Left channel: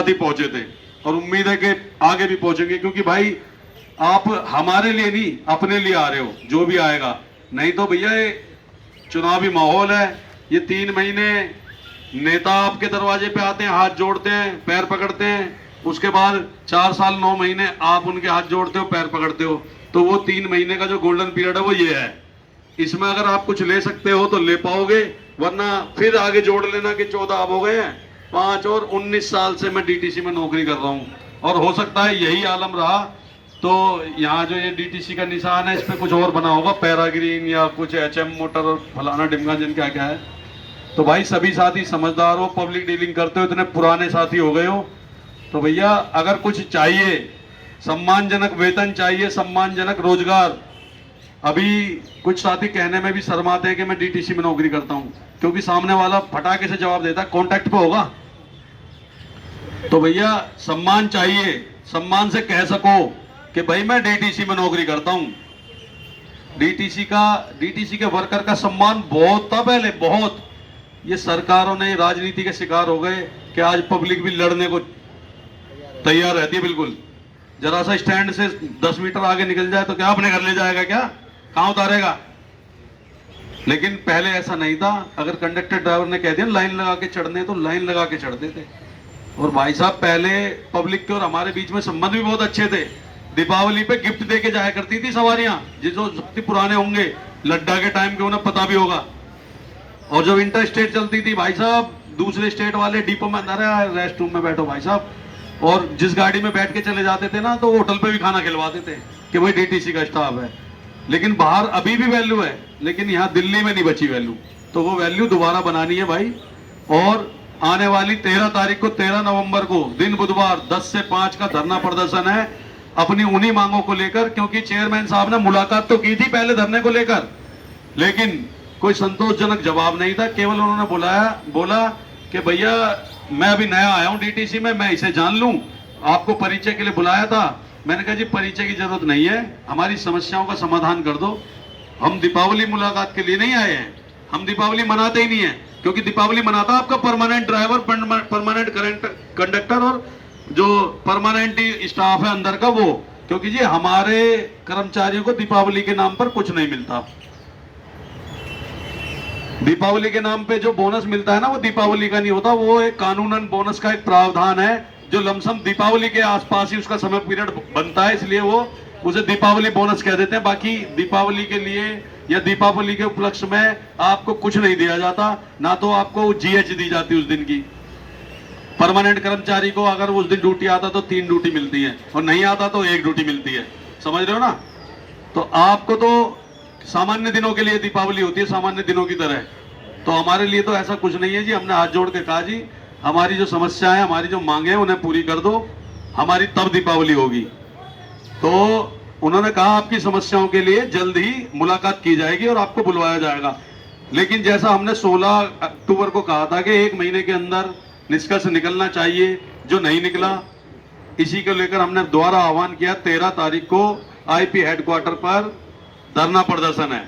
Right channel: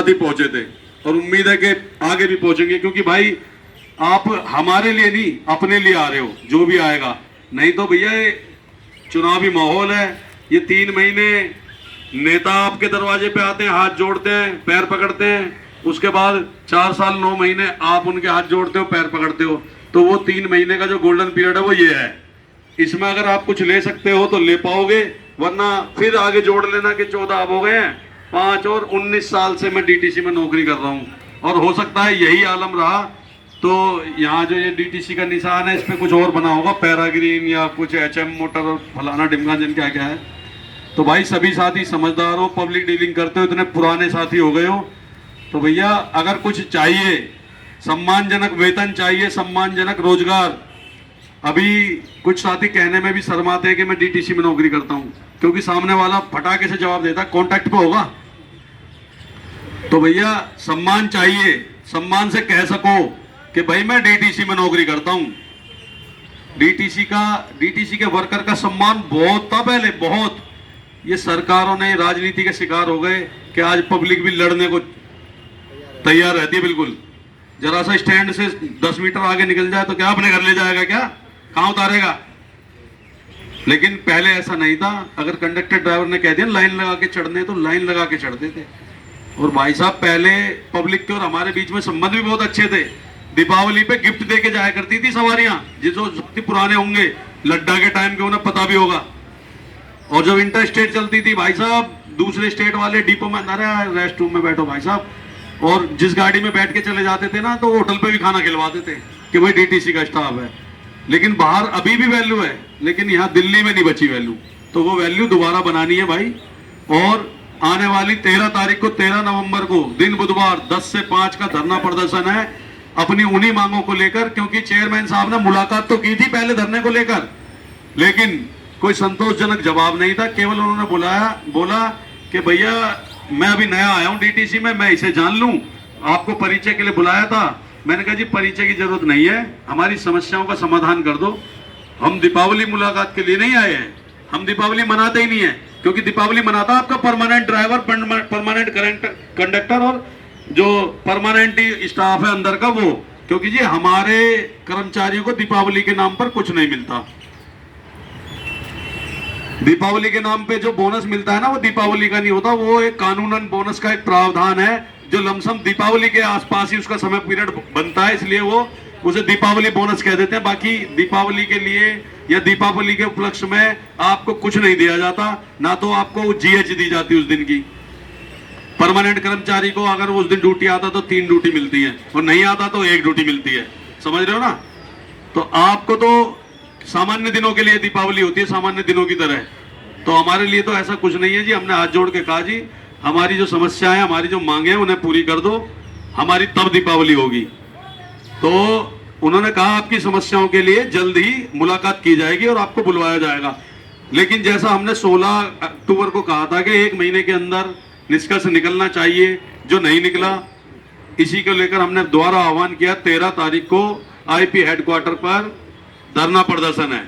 साथी पहुंचे थे और उम्मीद है कि आगे भी पहुंचेंगे, क्योंकि भाई आप हमारे लिए नहीं अपने लिए आ रहे हो, जो भी आएगा। नहीं तो भैया ये चुनावी माहौल है, ये 3 महीने नेता आपके दरवाजे पे आते हैं, हाथ जोड़ते हैं, पैर पकड़ते हैं, उसके बाद 4 साल 9 महीने आप उनके हाथ जोड़ते हो, पैर पकड़ते हो। तो वो 3 महीने का जो गोल्डन पीरियड है वो ये है। इसमें अगर आप कुछ ले सकते हो तो ले पाओगे, वरना फिर आगे जोड़ लेना कि 14 अब हो गए हैं, 5 और 19 साल से मैं डीटीसी में नौकरी कर रहा हूँ और हो सकता है यही आलम रहा तो यहाँ जो ये डीटीसी का निशान है इस पे कुछ और बना होगा, पैराग्रीन या कुछ एचएम मोटर और फलाना डिमगा जिन क्या क्या है। तो भाई सभी साथी समझदार हो, पब्लिक डीलिंग करते हो, इतने पुराने साथी हो गए हो, तो भैया अगर कुछ चाहिए, सम्मानजनक वेतन चाहिए, सम्मानजनक रोजगार। अभी कुछ साथी कहने में भी शर्माते हैं कि मैं डीटीसी में नौकरी करता हूं, क्योंकि सामने वाला फटाके से जवाब देता है कॉन्टैक्ट पे होगा। तो भैया सम्मान चाहिए, सम्मान से कह सको कि भाई मैं डीटीसी में नौकरी करता हूं। डीटीसी के वर्कर का सम्मान बहुत था पहले, बहुत। ये सरकारों ने राजनीति के शिकार हो गए कि आज पब्लिक भी लड़ने को तैयार रहती है। बिल्कुल जरा सा स्टैंड से 10 मीटर आगे निकल जाए तो क्या अपने घर ले जाएगा, क्या कहां उतारेगा। लेकिन पहले ऐसा नहीं था, अगर कंडक्टर ड्राइवर ने कह दिया लाइन लगा के चढ़ने तो लाइन लगा के चढ़ते थे। और भाई साहब पहले पब्लिक के और हमारे बीच में संबंध भी बहुत अच्छे थे। दीपावली पे गिफ्ट दे के जाया करती थी सवारियां, जिसको पुराने होंगे लड्डा के टाइम के उन्हें पता भी होगा। और जब इंटर स्टेट चलती थी भाई साहब, दूसरे स्टेट वाले डिपो में अंदर है, रेस्ट रूम में बैठो भाई साहब, और जिस गाड़ी में बैठ के चले जाते थे ना तो होटल पे भी खाना खिलवाते थे कि भाई डीटीसी का स्टाफ है। लेकिन बाहर अभी भी वैल्यू है, लेकिन यहाँ दिल्ली में नहीं बची वैल्यू। तो वो वैल्यू दोबारा बनानी है भाई। और आने वाली 13 तारीख को, 13 नवंबर को दिन बुधवार 10 से 5 का धरना प्रदर्शन है अपनी उन्हीं मांगों को लेकर। क्योंकि चेयरमैन साहब ने मुलाकात तो की थी पहले धरने को लेकर, लेकिन कोई संतोषजनक जवाब नहीं था। केवल उन्होंने बोला कि भैया मैं अभी नया आया हूं डीटीसी में, मैं इसे जान लूं, आपको परिचय के लिए बुलाया था। मैंने कहा जी परिचय की जरूरत नहीं है, हमारी समस्याओं का समाधान कर दो। हम दीपावली मुलाकात के लिए नहीं आए हैं, हम दीपावली मनाते ही नहीं है, क्योंकि दीपावली मनाता आपका परमानेंट ड्राइवर, परमानेंट कंडक्टर और जो परमानेंट स्टाफ है अंदर का वो। क्योंकि जी हमारे कर्मचारियों को दीपावली के नाम पर कुछ नहीं मिलता। दीपावली के नाम पे जो बोनस मिलता है ना वो दीपावली का नहीं होता, वो एक कानूनन बोनस का एक प्रावधान है जो लमसम दीपावली के आसपास ही उसका समय पीरियड बनता है, इसलिए वो उसे दीपावली बोनस कह देते हैं। बाकी दीपावली के लिए या दीपावली के उपलक्ष्य में आपको कुछ नहीं दिया जाता, ना तो आपको जीएच दी जाती उस दिन की। परमानेंट कर्मचारी को अगर उस दिन ड्यूटी आता तो 3 ड्यूटी मिलती है और नहीं आता तो 1 ड्यूटी मिलती है, समझ रहे हो ना। तो आपको तो सामान्य दिनों के लिए दीपावली होती है, सामान्य दिनों की तरह। तो हमारे लिए तो ऐसा कुछ नहीं है जी। हमने हाथ जोड़ के कहा जी हमारी जो समस्या है, हमारी जो मांगे हैं उन्हें पूरी कर दो, हमारी तब दीपावली होगी। तो उन्होंने कहा आपकी समस्याओं के लिए जल्द ही मुलाकात की जाएगी और आपको बुलवाया जाएगा। लेकिन जैसा हमने 16 अक्टूबर को कहा था कि 1 महीने के अंदर निष्कर्ष निकलना चाहिए, जो नहीं निकला, इसी को लेकर हमने दोबारा आह्वान किया। 13 तारीख को आईपी हेडक्वार्टर पर धरना प्रदर्शन है।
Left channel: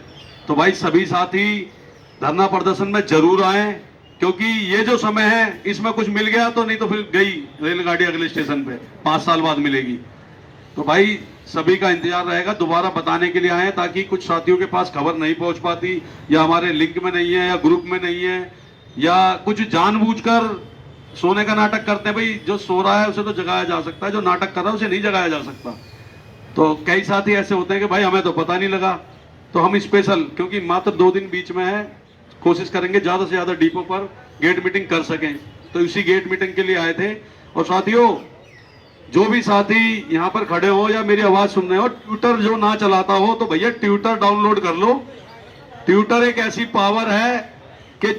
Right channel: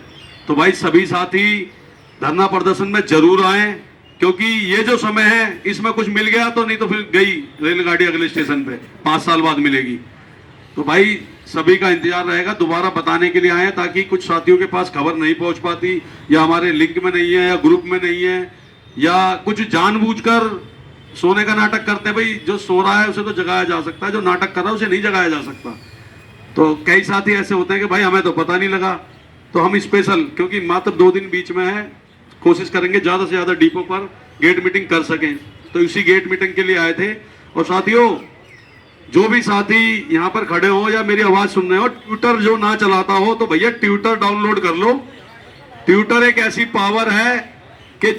तो भाई सभी साथी धरना प्रदर्शन में जरूर आए, क्योंकि ये जो समय है इसमें कुछ मिल गया तो नहीं तो फिर गई रेलगाड़ी अगले स्टेशन पे, 5 साल बाद मिलेगी। तो भाई सभी का इंतजार रहेगा, दोबारा बताने के लिए आए ताकि कुछ साथियों के पास खबर नहीं पहुंच पाती, या हमारे लिंक में नहीं है, या ग्रुप में नहीं है, या कुछ जानबूझकर सोने का नाटक करते हैं। भाई जो सो रहा है उसे तो जगाया जा सकता है, जो नाटक कर रहा है उसे नहीं जगाया जा सकता। तो कई साथी ऐसे होते हैं कि भाई हमें तो पता नहीं लगा। तो हम स्पेशल, क्योंकि मात्र 2 दिन बीच में है, कोशिश करेंगे ज्यादा से ज्यादा डिपो पर गेट मीटिंग कर सकें। तो इसी गेट मीटिंग के लिए आए थे। और साथियों, जो भी साथी यहाँ पर खड़े हो या मेरी आवाज सुन रहे हो, ट्विटर जो ना चलाता हो तो भैया ट्विटर डाउनलोड कर लो। ट्विटर एक ऐसी पावर है कि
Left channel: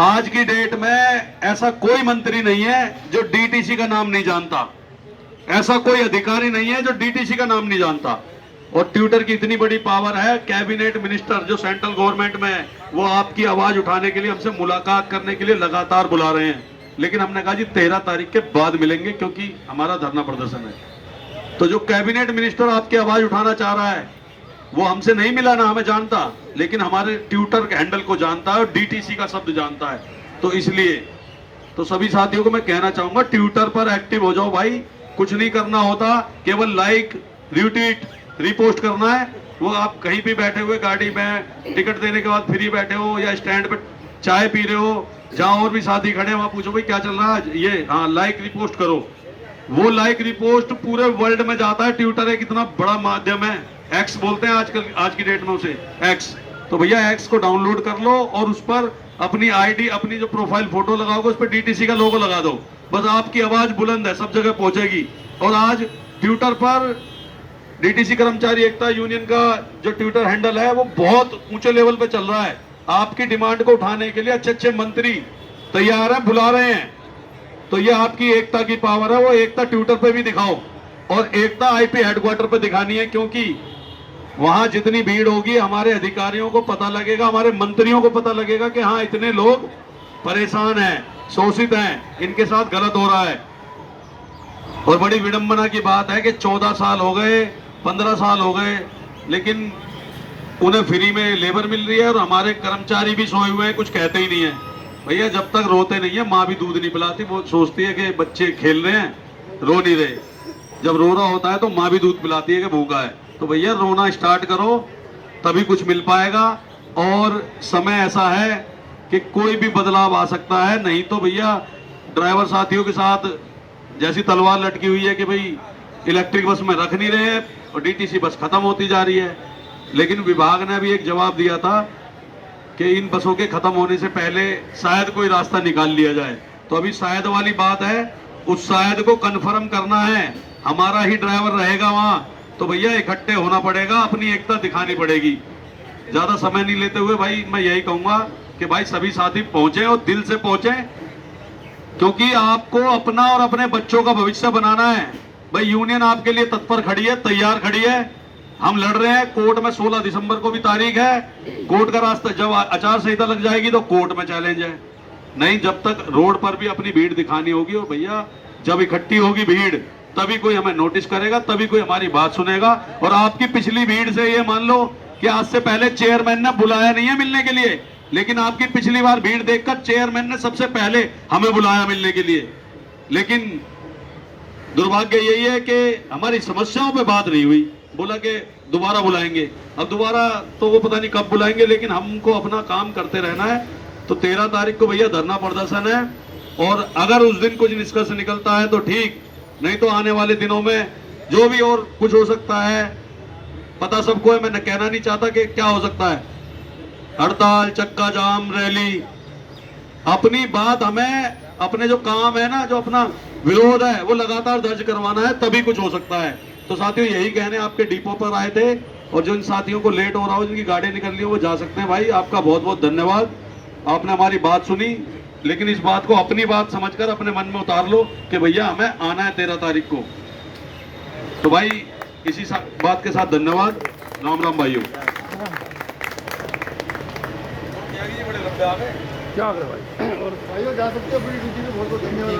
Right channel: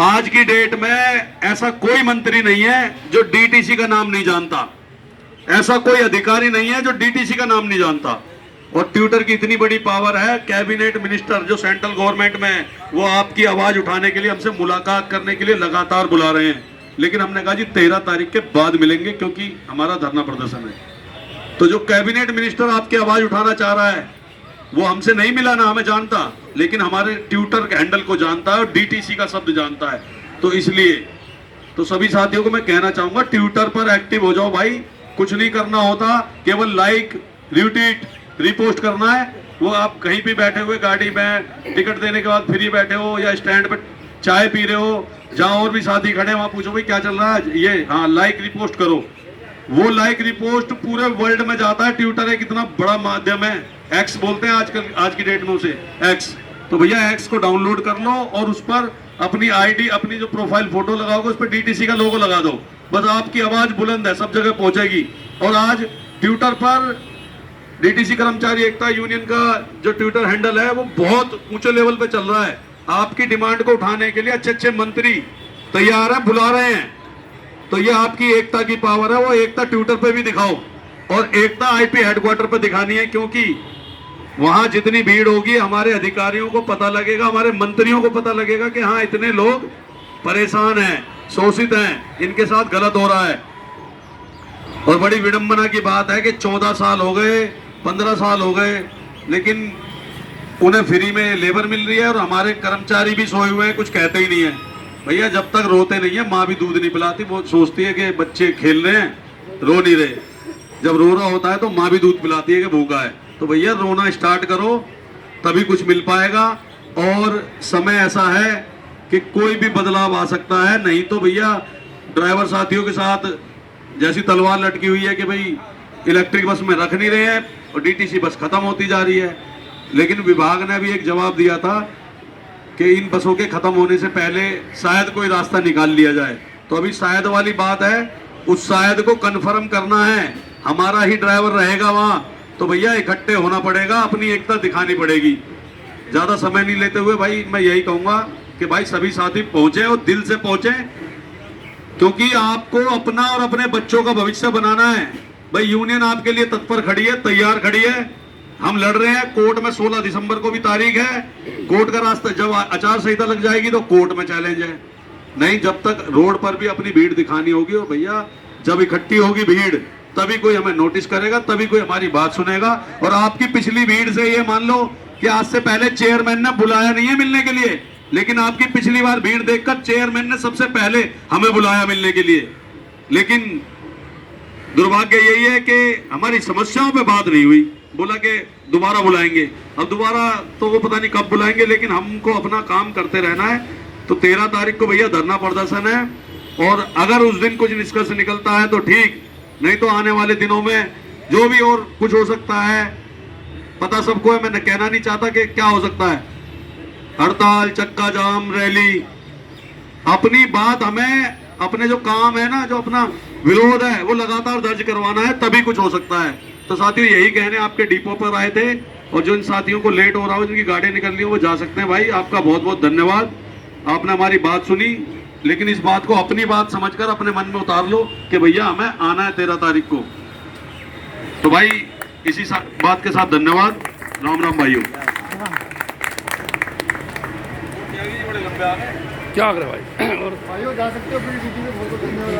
आज की डेट में ऐसा कोई मंत्री नहीं है जो डीटीसी का नाम नहीं जानता, ऐसा कोई अधिकारी नहीं है जो डीटीसी का नाम नहीं जानता। और ट्विटर की इतनी बड़ी पावर है, कैबिनेट मिनिस्टर जो सेंट्रल गवर्नमेंट में है वो आपकी आवाज उठाने के लिए, हमसे मुलाकात करने के लिए लगातार बुला रहे हैं। लेकिन हमने कहा जी 13 तारीख के बाद मिलेंगे, क्योंकि हमारा धरना प्रदर्शन है। तो जो कैबिनेट मिनिस्टर आपकी आवाज उठाना चाह रहा है वो हमसे नहीं मिला, ना हमें जानता, लेकिन हमारे ट्विटर हैंडल को जानता है और डीटीसी का शब्द जानता है। तो इसलिए तो सभी साथियों को मैं कहना चाहूंगा ट्विटर पर एक्टिव हो जाओ भाई, कुछ नहीं करना होता, केवल लाइक रिट्वीट रिपोस्ट करना है। वो आप कहीं भी बैठे हुए गाड़ी में टिकट देने के बाद फ्री बैठे हो या स्टैंड पे चाय पी रहे हो, जहां और भी साथी खड़े हैं वहां पूछो भाई क्या चल रहा है, ये हाँ लाइक रिपोस्ट करो। वो लाइक रिपोस्ट पूरे वर्ल्ड में जाता है। ट्विटर एक इतना बड़ा माध्यम है, एक्स बोलते हैं आजकल आज की डेट में उसे, एक्स। तो भैया एक्स को डाउनलोड कर लो और उस पर अपनी आईडी, अपनी जो प्रोफाइल फोटो लगाओगे उस पर डीटीसी का लोगो लगा दो, बस आपकी आवाज बुलंद है, सब जगह पहुंचेगी। और आज ट्विटर पर डीटीसी कर्मचारी एकता यूनियन का जो ट्विटर हैंडल है वो बहुत ऊंचे लेवल पे चल रहा है। आपकी डिमांड को उठाने के लिए अच्छे अच्छे मंत्री तैयार हैं, बुला रहे हैं। तो ये आपकी एकता की पावर है, वो एकता ट्विटर पे भी दिखाओ और एकता आईपी हेडक्वार्टर पे दिखानी है, क्योंकि वहां जितनी भीड़ होगी हमारे अधिकारियों को पता लगेगा, हमारे मंत्रियों को पता लगेगा कि हाँ इतने लोग परेशान हैं, शोषित हैं, इनके साथ गलत हो रहा है। और बड़ी विडंबना की बात है कि 14 साल हो गए, 15 साल हो गए, लेकिन उन्हें फ्री में लेबर मिल रही है और हमारे कर्मचारी भी सोए हुए हैं, कुछ कहते ही नहीं है। भैया जब तक रोते नहीं है माँ भी दूध नहीं पिलाती, वो सोचती है कि बच्चे खेल रहे हैं, रो नहीं रहे। जब रो रहा होता है तो माँ भी दूध पिलाती है कि भूखा है। तो भैया रोना स्टार्ट करो, तभी कुछ मिल पाएगा। और समय ऐसा है कि कोई भी बदलाव आ सकता है, नहीं तो भैया ड्राइवर साथियों के साथ जैसी तलवार लटकी हुई है कि भाई इलेक्ट्रिक बस में रख नहीं रहे हैं और डीटीसी बस खत्म होती जा रही है। लेकिन विभाग ने भी एक जवाब दिया था कि इन बसों के खत्म होने से पहले शायद कोई रास्ता निकाल लिया जाए। तो अभी शायद वाली बात है, उस शायद को कन्फर्म करना है, हमारा ही ड्राइवर रहेगा वहां। तो भैया इकट्ठे होना पड़ेगा, अपनी एकता दिखानी पड़ेगी। ज्यादा समय नहीं लेते हुए भाई मैं यही कहूंगा कि भाई सभी साथी पहुंचे और दिल से पहुंचे, क्योंकि आपको अपना और अपने बच्चों का भविष्य बनाना है। भाई यूनियन आपके लिए तत्पर खड़ी है, तैयार खड़ी है, हम लड़ रहे हैं। कोर्ट में 16 दिसंबर को भी तारीख है, कोर्ट का रास्ता, जब आचार संहिता लग जाएगी तो कोर्ट में चैलेंज है। नहीं, जब तक रोड पर भी अपनी भीड़ दिखानी होगी। और भैया जब इकट्ठी होगी भीड़ तभी कोई हमें नोटिस करेगा, तभी कोई हमारी बात सुनेगा। और आपकी पिछली भीड़ से ये मान लो कि आज से पहले चेयरमैन ने बुलाया नहीं है मिलने के लिए, लेकिन आपकी पिछली बार भीड़ देखकर चेयरमैन ने सबसे पहले हमें बुलाया मिलने के लिए। लेकिन दुर्भाग्य यही है कि हमारी समस्याओं पे बात नहीं हुई, बोला कि दोबारा बुलाएंगे। अब दोबारा तो वो पता नहीं कब बुलाएंगे, लेकिन हमको अपना काम करते रहना है। तो 13 तारीख को भैया धरना प्रदर्शन है, और अगर उस दिन कुछ निष्कर्ष निकलता है तो ठीक, नहीं तो आने वाले दिनों में जो भी और कुछ हो सकता है, पता सबको है। मैं कहना नहीं चाहता कि क्या हो सकता है, हड़ताल, चक्का जाम, रैली। अपनी बात हमें, अपने जो काम है ना, जो अपना विरोध है वो लगातार दर्ज करवाना है, तभी कुछ हो सकता है। तो साथियों यही कहने आपके डिपो पर आए थे, और जो इन साथियों को लेट हो रहा हो, जिनकी गाड़ी निकल रही हो, वो जा सकते हैं। भाई आपका बहुत बहुत धन्यवाद, आपने हमारी बात सुनी। लेकिन इस बात को अपनी बात समझकर अपने मन में उतार लो कि भैया हमें आना है 13 तारीख को। तो भाई इसी बात के साथ धन्यवाद, राम राम भाइयों। क्या कर भाई, और भाइयों जा सकते हो अपनी ड्यूटी में, बहुत बहुत धन्यवाद।